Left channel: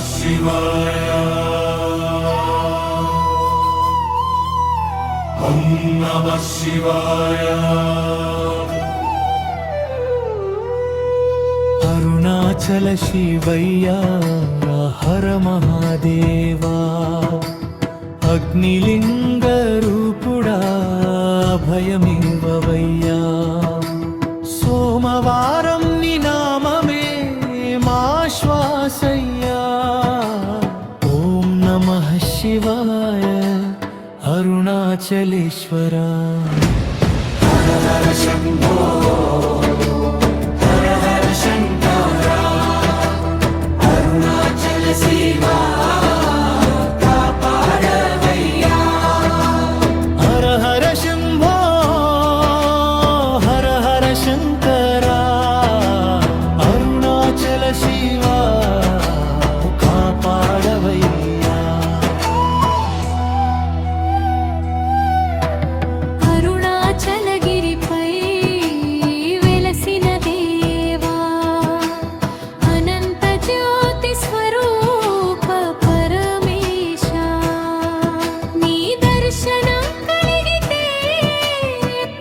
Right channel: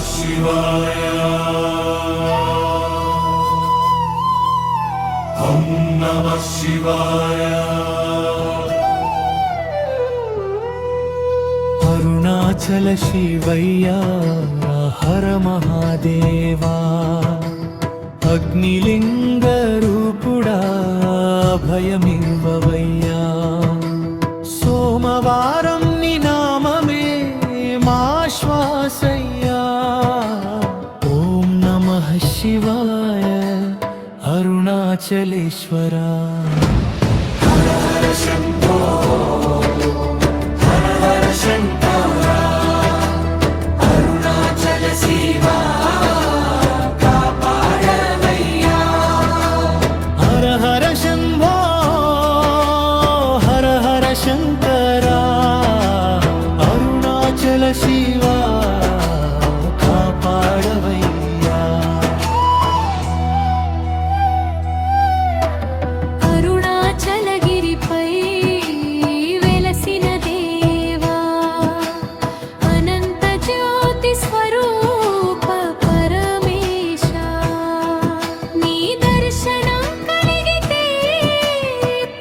शिवाय ॐ नमः शिवाय అరుణాచల శివయ్య హర మహాదేవా అగ్నిలింగ రూపుడా భయమివ్వవయ్యా సోమవారం నీ నామమే మా శ్వాసయ్యా ఓం నమః శివాయ అరుణాచలేశ్వరా హర హర శంభో హర హర శంకరా అరుణాచల శివా కాపాడవయ్యా అరుణాచలగిరిపై వెలసిన దేవా అనంత జ్యోతి స్వరూప పరమేశ నీ దర్శనం కలిగితే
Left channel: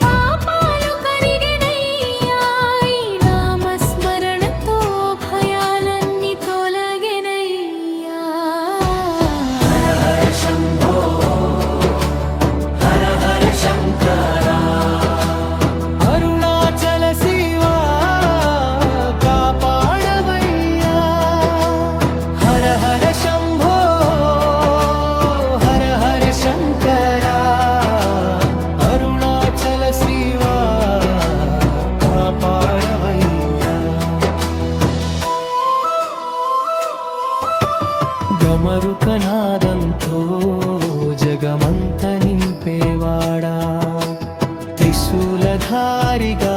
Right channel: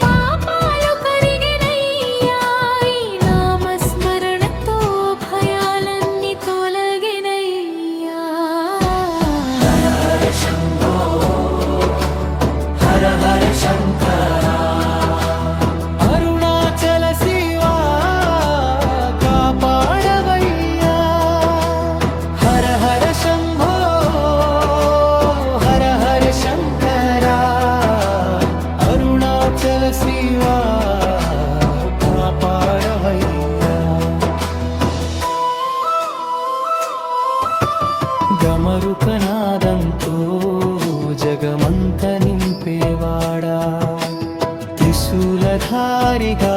పాపాలు కరిగెనయ్యా ఈ నామస్మరణతో భయాలన్నీ తొలగెనయ్యా హర హర శంభో హర హర శంకరా అరుణాచల శివా కాపాడవయ్యా హర హర శంభో హర హర శంకరా అరుణాచల శివా కాపాడవయ్యా గమరుకనాదంతో జగమంత నింపేవాడా త్రిశూలధారిగా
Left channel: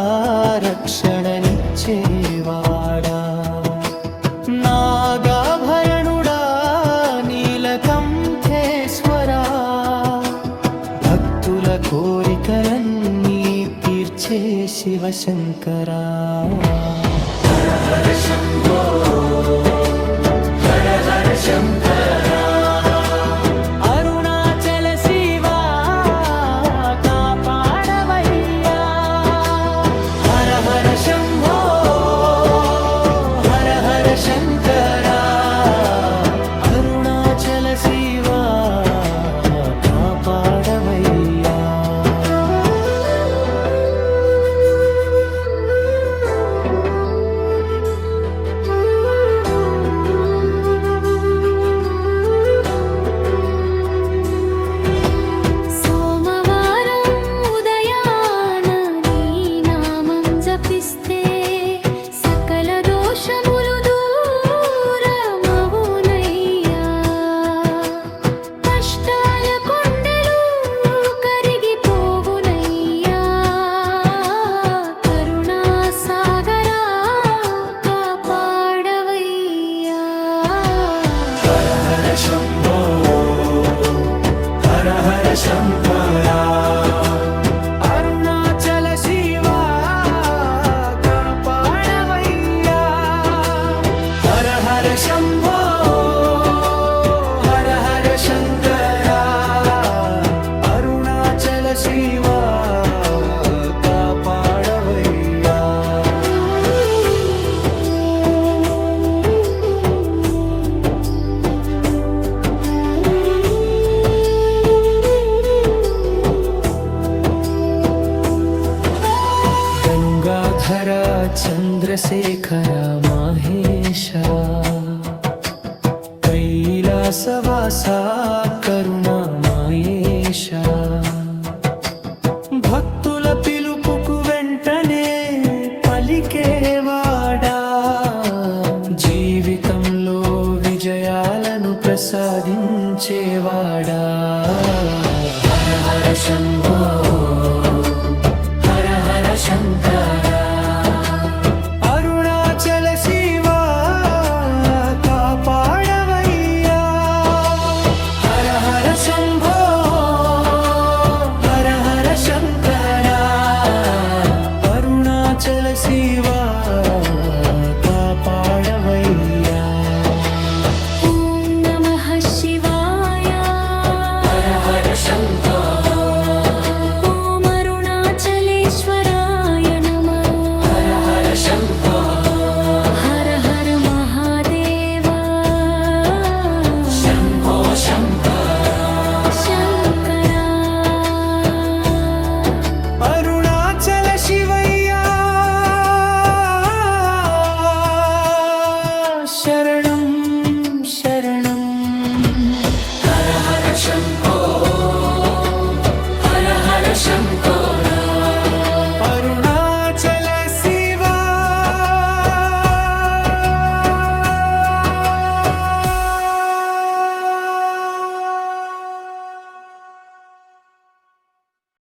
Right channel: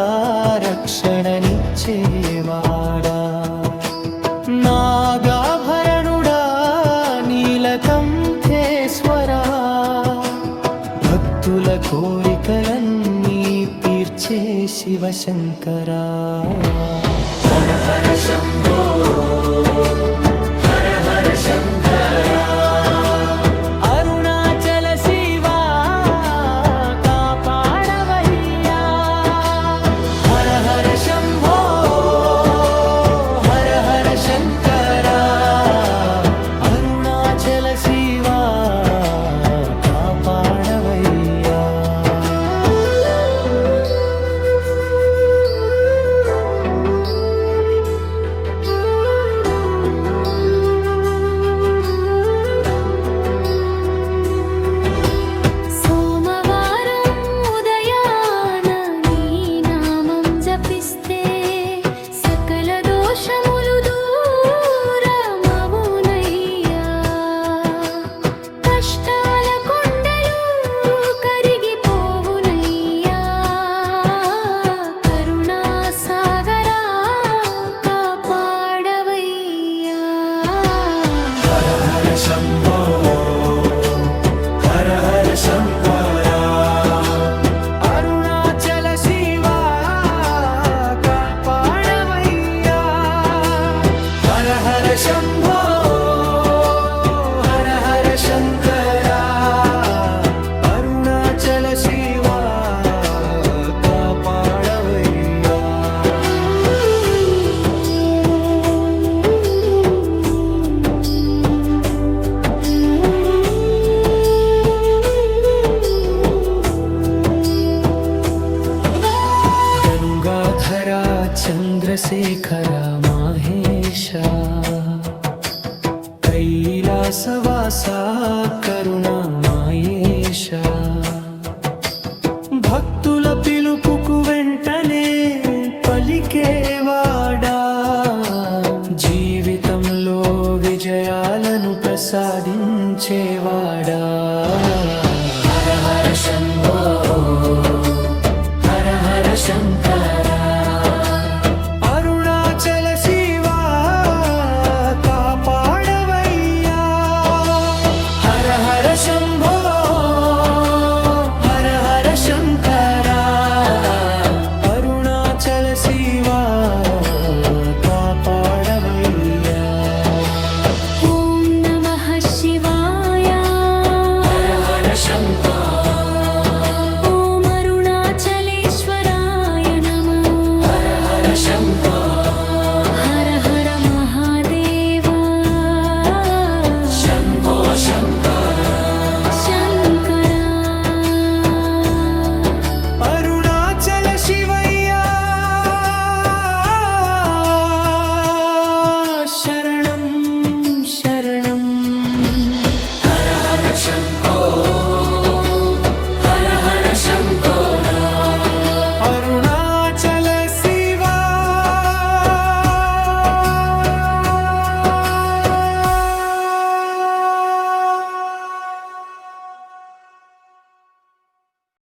రక్షణనిచ్చేవాడా నాగాభరణుడా నీలకంఠేశ్వరా భక్తుల కోరికలన్నీ తీర్చే శివశంకరా హర హర శంభో హర హర శంకరా అరుణాచల శివా కాపాడవయ్యా హర హర శంభో హర హర శంకరా అరుణాచల శివా కాపాడవయ్యా సోమవారం ఉదయాన నీ నామం జపిస్తే సకల దోషములు దూరమవునయ్యా కష్టాల కొండలు కరిగిపోవునయ్యా కరుణా సాగరా కాపాడవయ్యా హర హర శంభో హర హర శంకరా అరుణాచల శివా కాపాడవయ్యా హర హర శంభో హర హర శంకరా అరుణాచల శివా కాపాడవయ్యా గంగాధర చంద్రశేఖర మహేశ కైలాసవాస కరుణామయేశ భక్తుల పిలుపుకు వెంటనే పలికేవాడా జీవితంలో విజయాలను ప్రసాదించేవాడా హర హర శంభో హర హర శంకరా అరుణాచల శివా కాపాడవయ్యా హర హర శంభో హర హర శంకరా అరుణాచల శివా కాపాడవయ్యా అరుణాచల